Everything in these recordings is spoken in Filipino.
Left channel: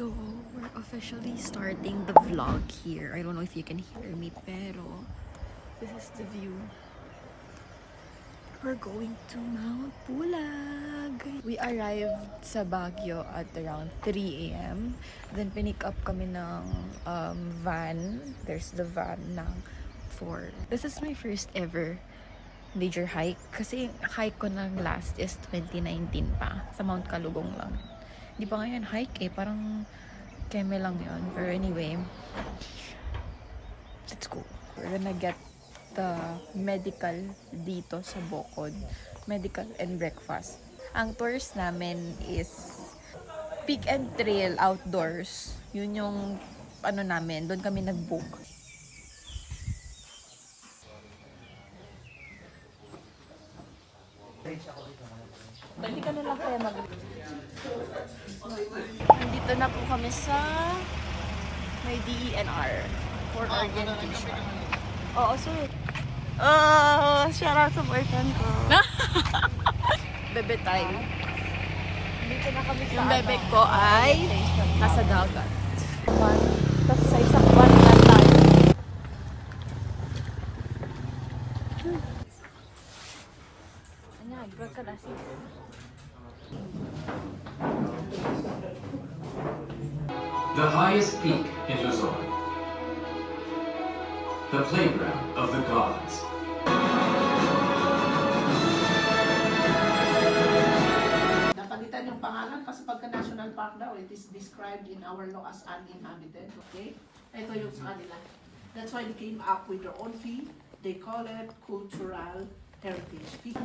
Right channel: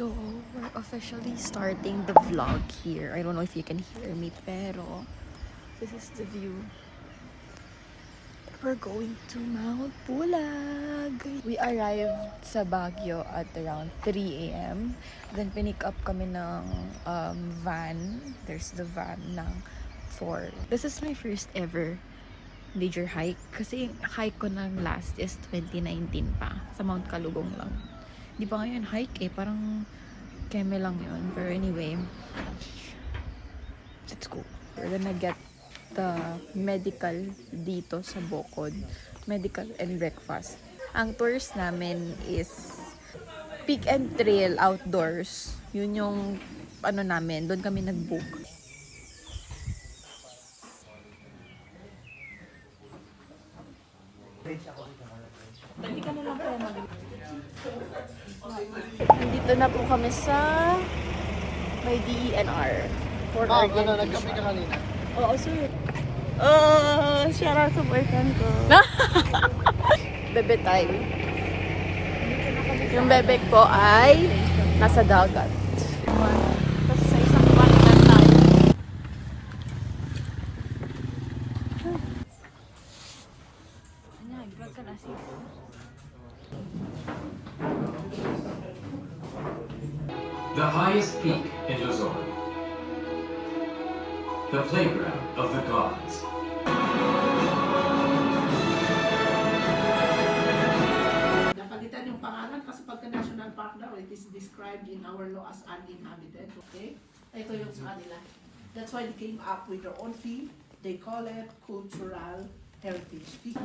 So, we're officially starting the vlog here. I don't know if you can hear me, pero this is the view. We're going to Mount Pulag. We arrived sa Baguio at around 3 a.m. Then pinick up kami ng van. There's the van ng 4. This is my first ever major hike. Kasi hike ko ng last is 2019 pa. Sa Mount Kalugong lang. Hindi pa ngayon hike eh. Parang keme lang yun. Pero anyway, let's go. We're gonna get the medical dito sa Bocod. Medical and breakfast. Ang tours namin is Peak and Trail outdoors. Yun yung ano namin. Doon kami nag-book. Nandito na po kami sa may DENR for orientation. Oo, sir. Oh, shout out sa boyfriend ko. Bebe time. Yung bebe ko ay nasa dagat. Tapos sa isang van na tayo. The highest peak in Luzon. The playground of the gods. Napalitan yung pangalan kasi pagka national park daw, it is described in our law as uninhabited, okay? Ito yung sa kanila. That's why they came up with their own fee. They call it cultural heritage fee.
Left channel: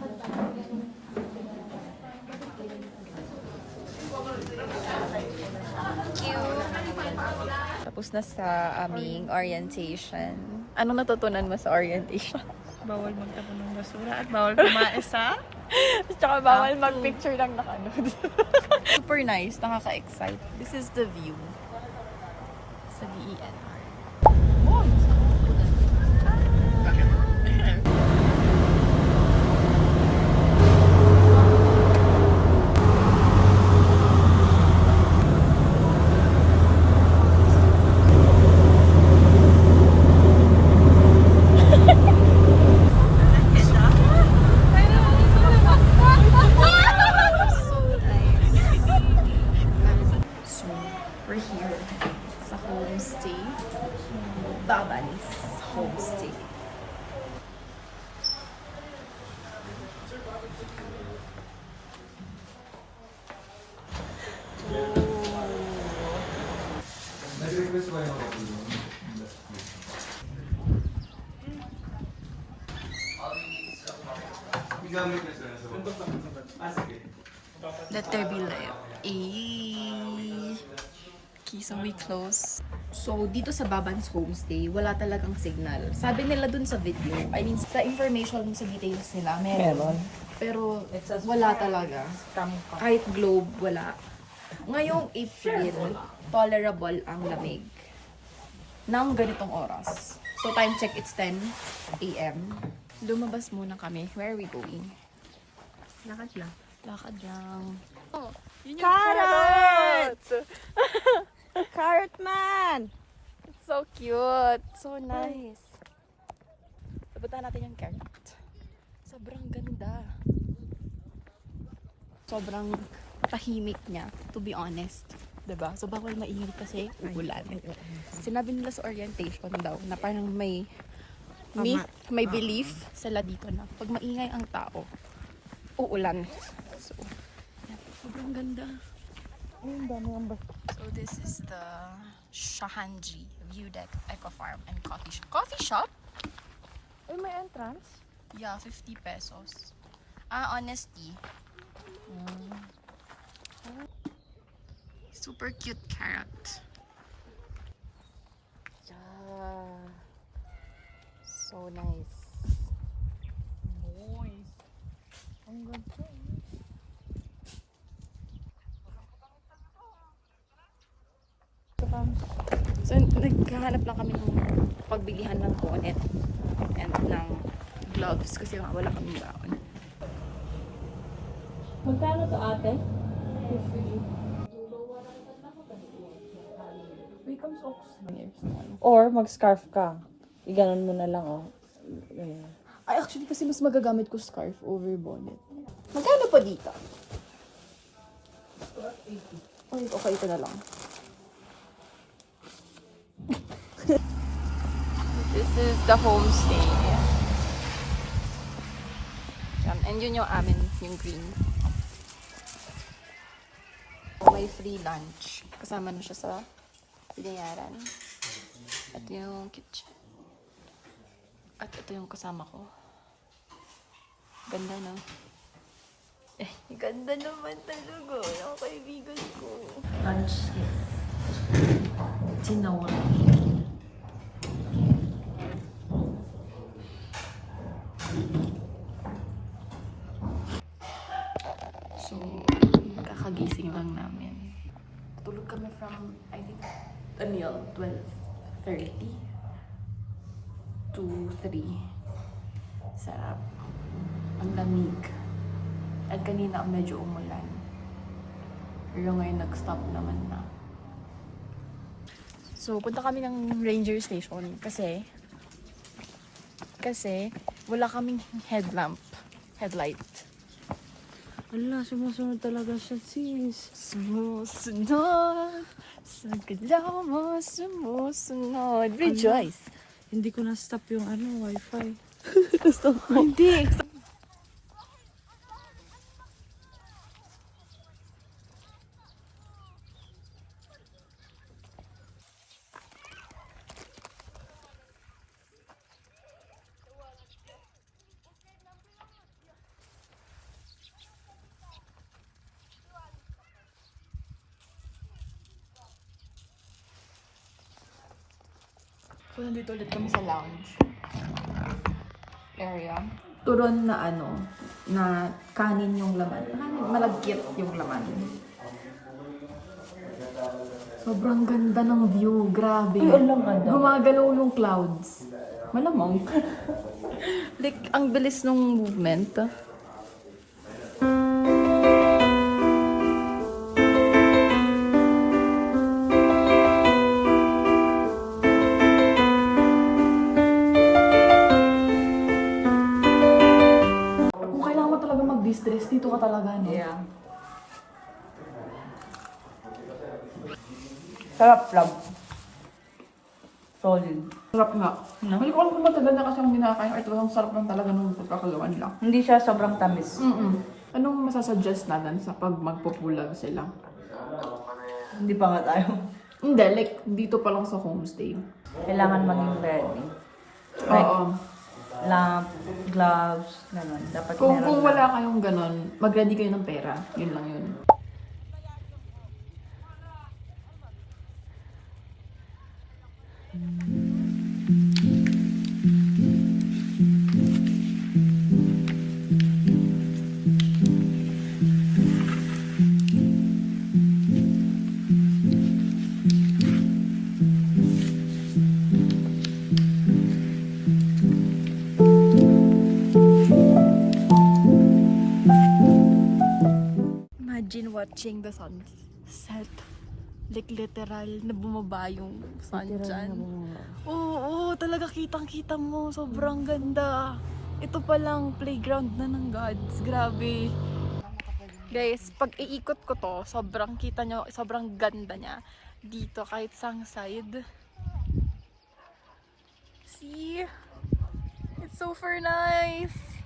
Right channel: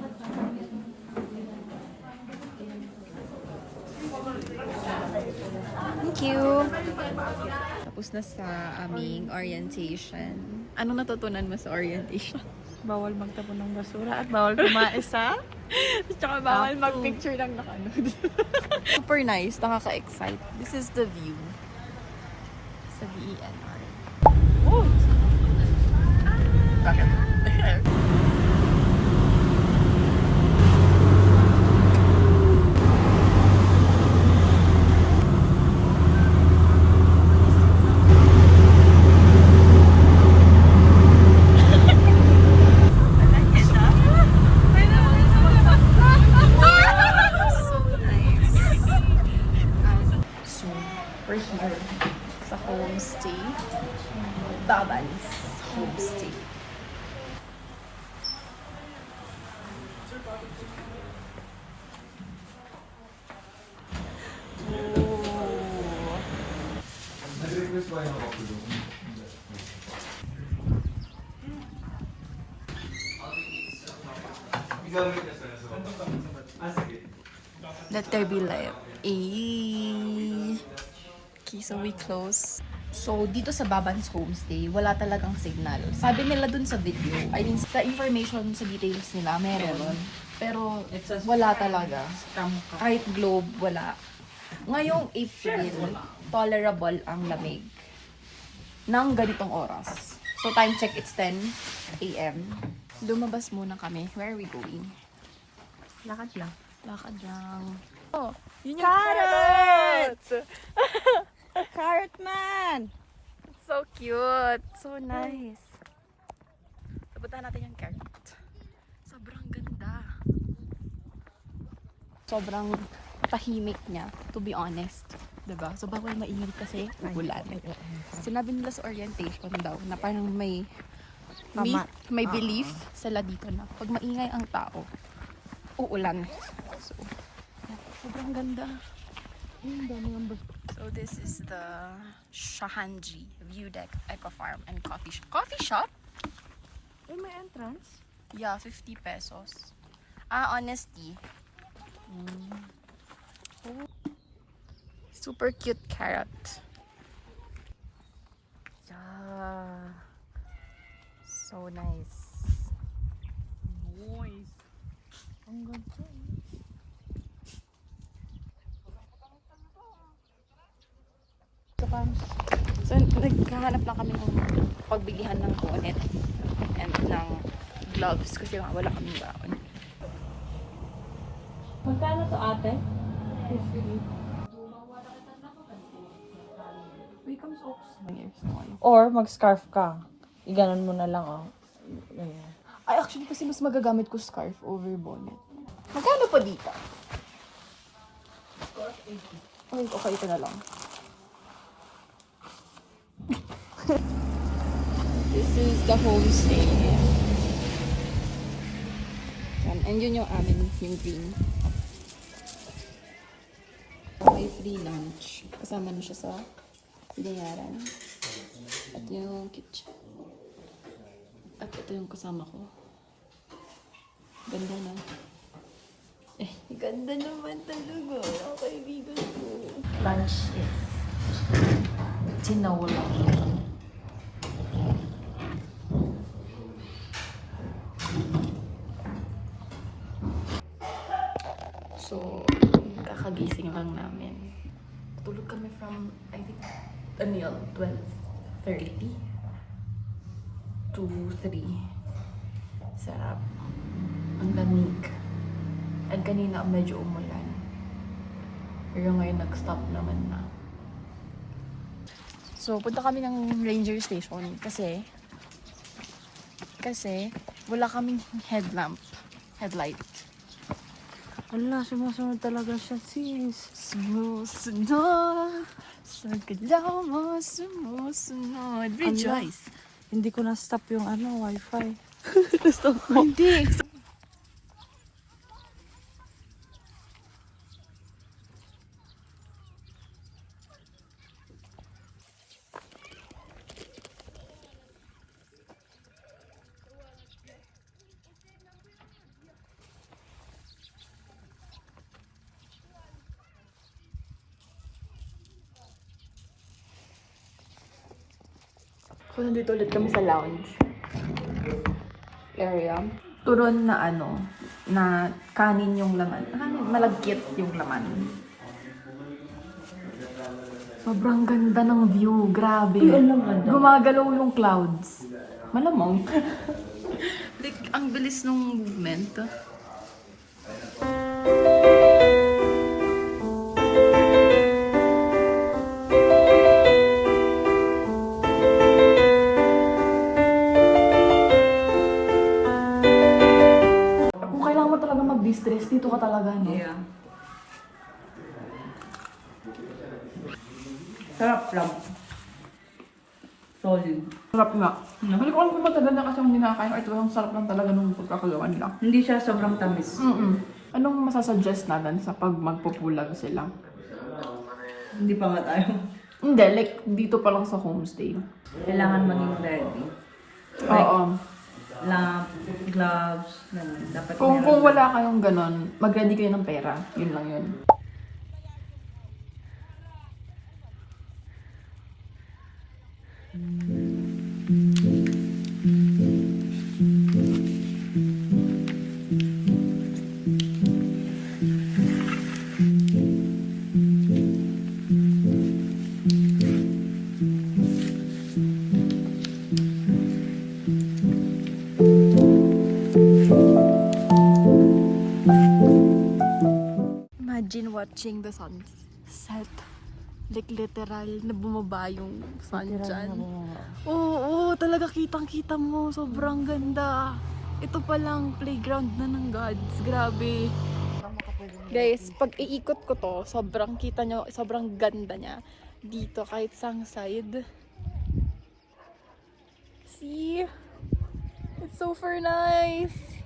Thank you. Tapos na sa aming orientation. Anong natutunan mo sa orientation? Bawal magtapon ng basura at bawal kumaisa. Tsaka bawal mag-picture lang nakanood. Super nice, nakaka-excite. This is the view sa DENR. We're here sa homestay. Baban's homestay. Oh. Let there be light. Okay, so we close. So, dito sa Baban's Homestay, wala talagang signal. Sabi nila dun sa video, I mean, sa information, sa details nila, meron. Pero, wala talaga. Kahit globe, wala. Ngayong April, tolerable ang lamig. Nang ganitong oras. So, time check, it's 10 a.m. Lumabas muna kami. Where are we going? Lakad lang. Lakad lang. Oh, yun yung Carrot! Carrot man! So cute. So nice. Sabutan natin yung carrot. Sobrang ganda. Sobrang tahimik niya, to be honest. Diba? So bawal maingay kasi uulan. Sinabi nila sa orientation daw na parang may myth, may belief sila dito na pag maingay ang tao, uulan. So, yan. Sobrang ganda. So this is the Shahanji View Deck Eco Farm and Coffee Shop. Coffee shop? Ay, may entrance? Yeah, 50 pesos. Ah, honesty. Super cute carrot. Yeah. So nice. Ang ganda. So, naghahanap lang kami ng pagbilihan ng bonnet and ng gloves kasi wala kaming baon. Magkano to ate? 50. comes Ox. Or mag-scarf ka. Iganon mo na lang, oh. Ayan. Ay, actually, kasi mas magagamit ko scarf over bonnet. Magkano pa dito? Ay, okay, ito na lang. This is the homestay. Yan, and yun yung amin, yung green. May free lunch. Kasama na siya sa binayaran. Ito yung kitchen. At ito yung kasama ko. Ganda, no? Eh, ganda naman talaga. Ang kaibigan ko. Lunch is tinola. So, kakagising lang namin. Tulog kami from, I think, 12:30 to 3. Sarap. Ang lamig. At kanina medyo umulan. Pero ngayon nag-stop naman na. So, punta kami ng ranger station kasi wala kaming headlight. Wala, sumusunod talaga siya, sis. Sumusunod, sa galaw mo, sumusunod. Rejoice! Hindi ko na-stop yung wifi. Hindi! So, nandito ulit kami sa lounge area. Turon na na kanin yung laman. Kanin, malagkit yung laman. Sobrang ganda ng view. Grabe. Gumagalaw yung clouds. Malamang. Like, ang bilis ng movement. Mag-distress, dito ka talaga, no? Yeah. Sarap lang. Solid. Sarap nga. Hindi ko alam kung matagal na kasi akong nakakain or talagang sarap lang talaga nung pagkakagawa nila. Hindi siya sobrang tamis. Anong masasuggest natin sa pag magpupulag sila? Hindi pa nga tayo. Hindi, like dito pa lang sa homestay. Kailangan maging ready. Oo. Lamp, gloves, naman. Dapat Kung wala kayong ganon, mag-ready kayo ng pera. Yun lang yun. Imagine watching the sunset. Like literal na bumaba yung sun dyan. Oo, talaga kitang-kita mo. Sobrang ganda. Ito palang playground na ng gods. Grabe. Guys, pag iikot ko to, sobrang kita nyo, sobrang ganda niya. Dito kahit sang side. See? It's super nice.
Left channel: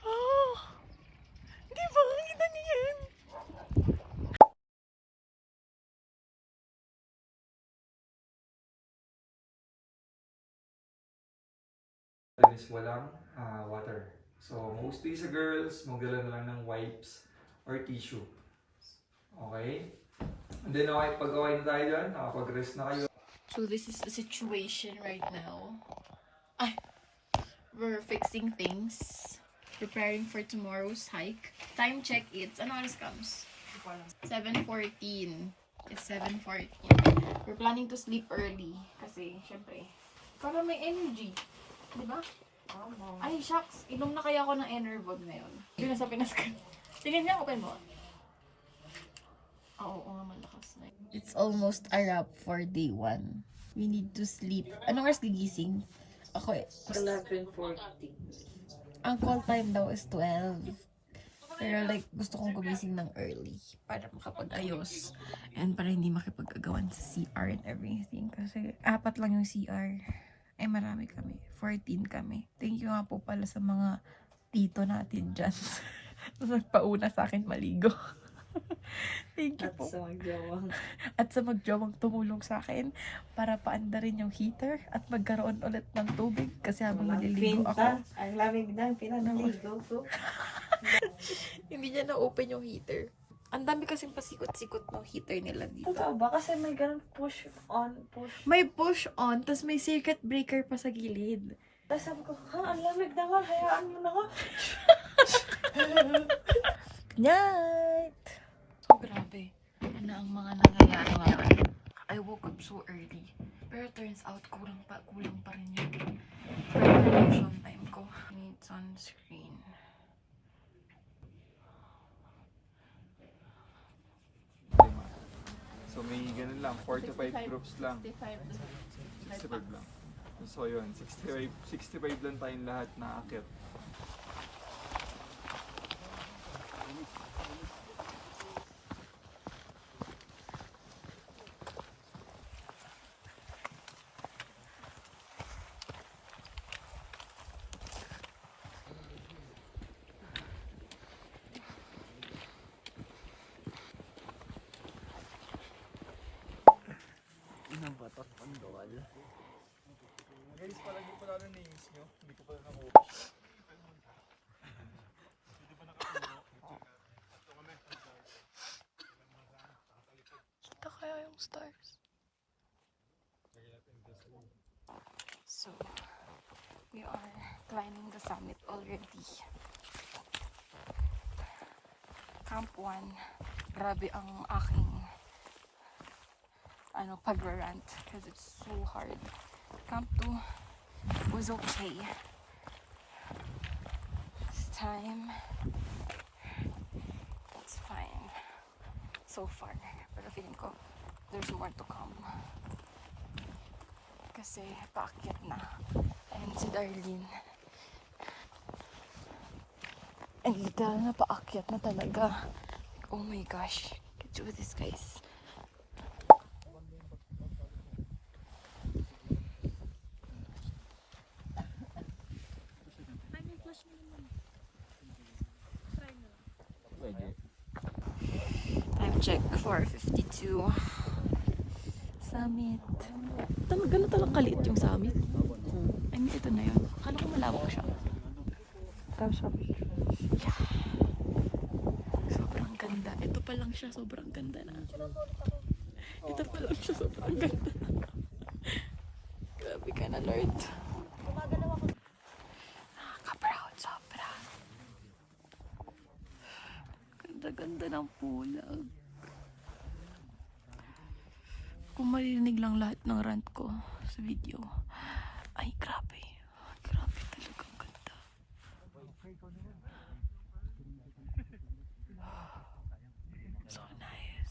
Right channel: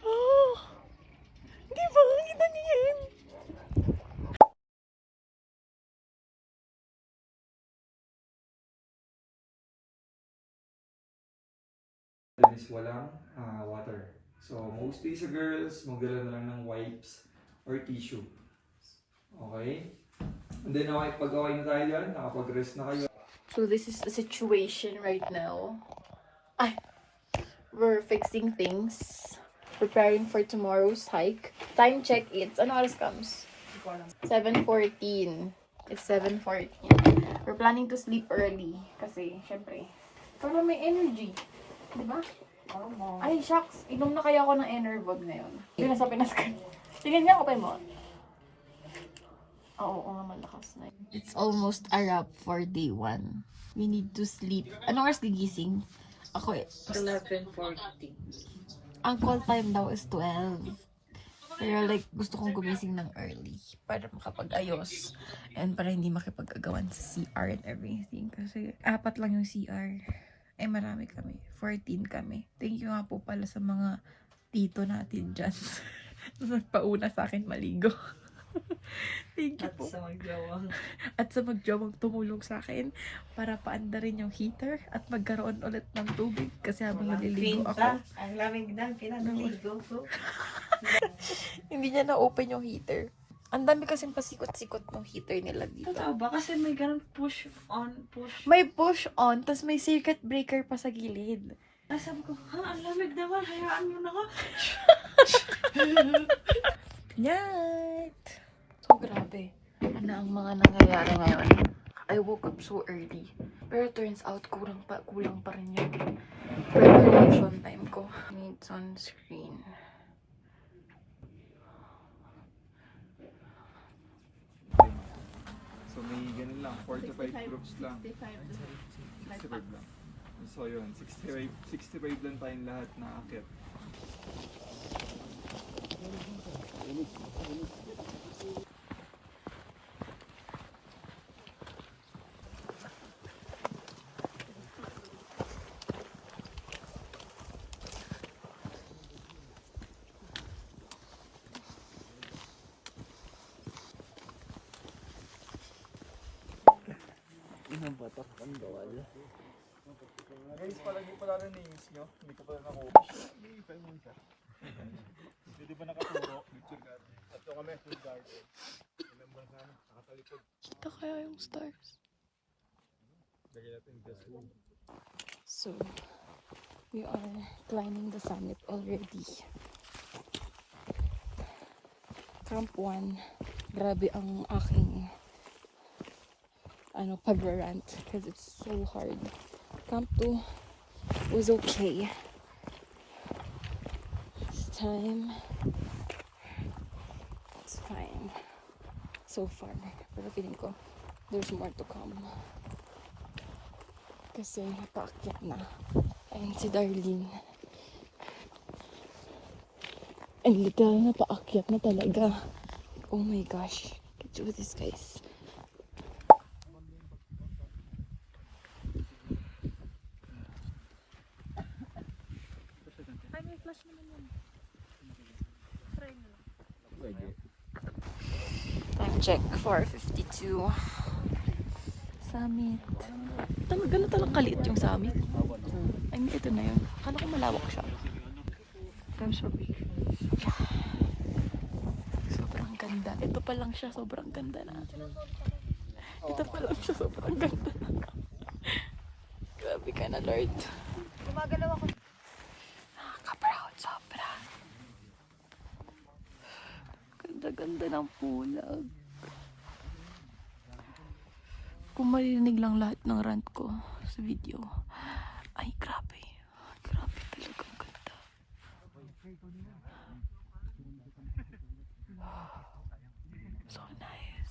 Oh! Di ba? Kita niyo yan? Is walang water. So, mostly sa girls, magdala na lang ng wipes or tissue. Okay? And then, pag-okay na tayo dyan, nakapag-rest na kayo. So this is the situation right now. We're fixing things. Preparing for tomorrow's hike. Time check, it's ano oras comes? 7:14. It's 7:14. We're planning to sleep early. Kasi, syempre, para may energy. Diba? Ay, shucks. Inom na kaya ako ng Enervon ngayon. Yun nasa Pinas ka. Tingnan niya, open mo. Oo nga, malakas na. It's almost a wrap for day 1. We need to sleep. Anong oras gigising? Ako 11:40. ang call time daw is 12. Pero like, gusto kong gumising ng early para makapag-ayos and para hindi makipag-agawan sa CR and everything. Kasi 4 lang yung CR. Eh, marami kami. 14 kami. Thank you nga po pala sa mga tito natin dyan. Nagpauna sa akin maligo. Thank you po. At sa magjawang tumulong sa akin para paanda rin yung heater at magkaroon ulit ng tubig kasi habang naliligo ako. Ang lamig na, pinanaligo ko. Hindi niya na-open yung heater. Ang dami kasing pasikot-sikot ng heater nila dito. Totoo ba? Kasi may ganun push on, push. May push on, tas may circuit breaker pa sa gilid. Tapos sabi ko, ang lamig naman, hayaan mo na nga. Night! So, grabe. Ano ang mga nangyayari ngayon? I woke up so early. Pero turns out, kulang pa rin yung preparation time ko. Need sunscreen. So may ganun lang, 45 groups lang. 65 lang. So yun, 65 lang tayong lahat na akit. Guys, palagi pala ng names nyo. Hindi ko pala nakuha. Hindi ba nakaturo? Tatlo kami, full guard eh. Remember na, nakatalikod. Kita kaya yung stars. Lagyan natin gas room. So, we are climbing the summit already. Camp 1. Grabe ang aking pag-rant because it's so hard. Camp 2 was okay. This time, it's fine. So far. Pero feeling ko, there's more to come. Kasi paakyat na. Ayun si Darlene. Ang literal na paakyat na talaga. Like, oh my gosh. Get do this, guys. Time check, 4:52. Summit. Gano'n talagang kaliit yung summit. I mean, ito na yun. Akala ko malawak siya. Time shop. Sobrang ganda. Ito pa lang siya, sobrang ganda na. Ito pa lang siya, sobrang ganda. Grabe ka na, Lord. Nakaka-proud, sobra. Ganda-ganda ng pulag. Kung marinig lang lahat ng rant ko sa video, ay grabe. Grabe talaga ang ganda. So nice.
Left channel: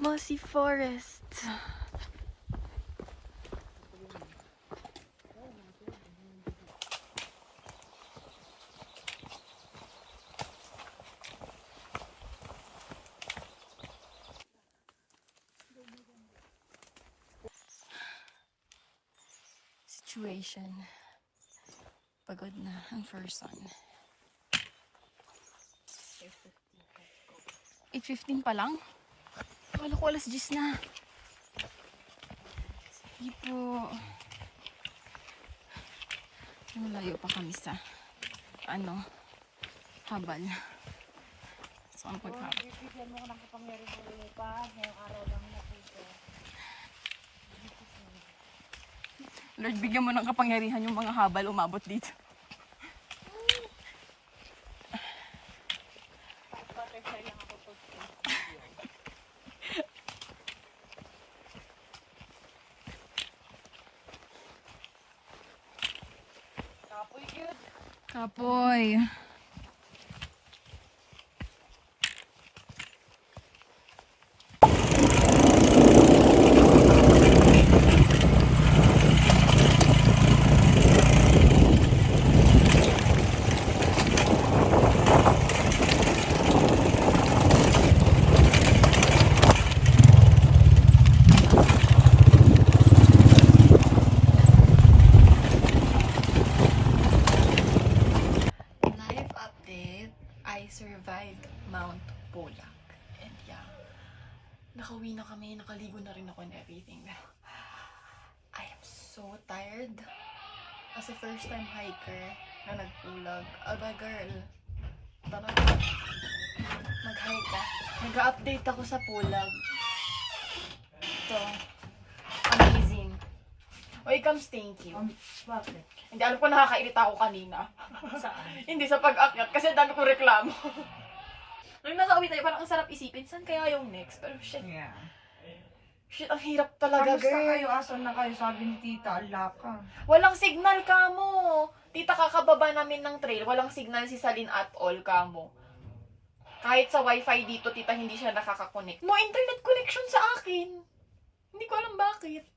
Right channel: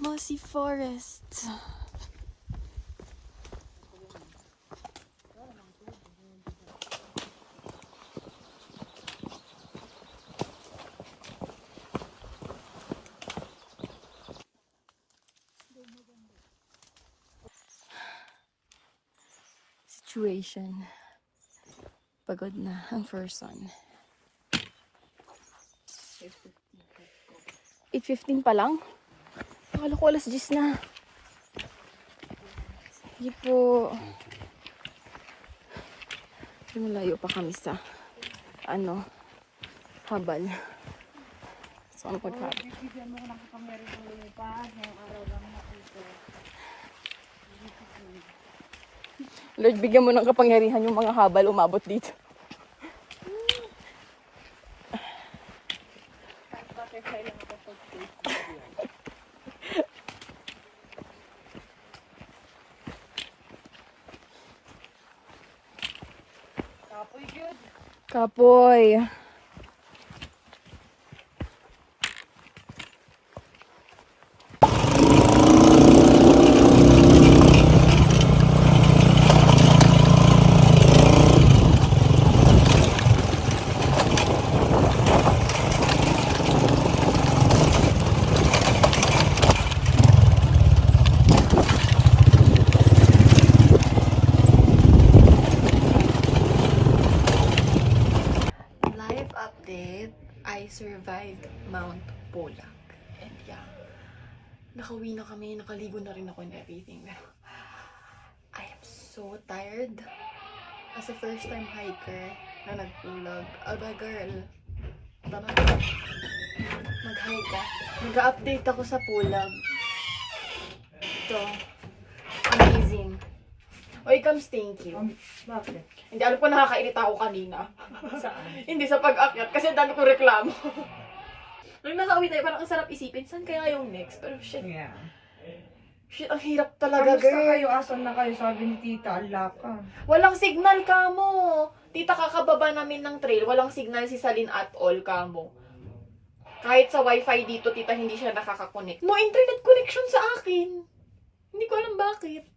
Mossy Forest. Situation. Pagod na ang first one. 8:15 pa lang? Akala ko alas 10 na. Sige po. Malayo pa kami sa habal. So, ang paghabal. Lord, bigyan mo ng kapangyarihan yung mga habal umabot dito. Kapoy. Life update, I survived Mount Pulag. And yeah, nakauwi na kami, nakaligo na rin ako and everything. I am so tired. As a first time hiker na nagpulag, aba girl, tara, mag-hike ka. Nag-update ako sa Pulag. Ito, amazing. Oy, comes thank you. Bakit? Hindi, alam ko nakakairita ako kanina. Saan? Hindi sa pag-akyat kasi ang dami kong reklamo. Nung nasa kami tayo, parang ang sarap isipin, saan kaya yung next? Pero shit, Yeah. shit, ang hirap talaga, Kamusta girl. kayo? Asan na kayo? Sabi ni tita, ala ka. Walang signal ka mo. Tita, kakababa namin ng trail, walang signal si Salin at all ka mo. Kahit sa wifi dito, tita, hindi siya nakakakonect. No internet connection sa akin. Hindi ko alam bakit.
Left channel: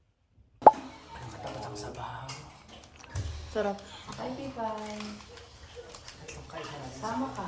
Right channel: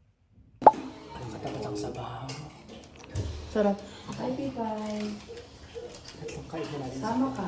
Sarap. Bye. Sama ka.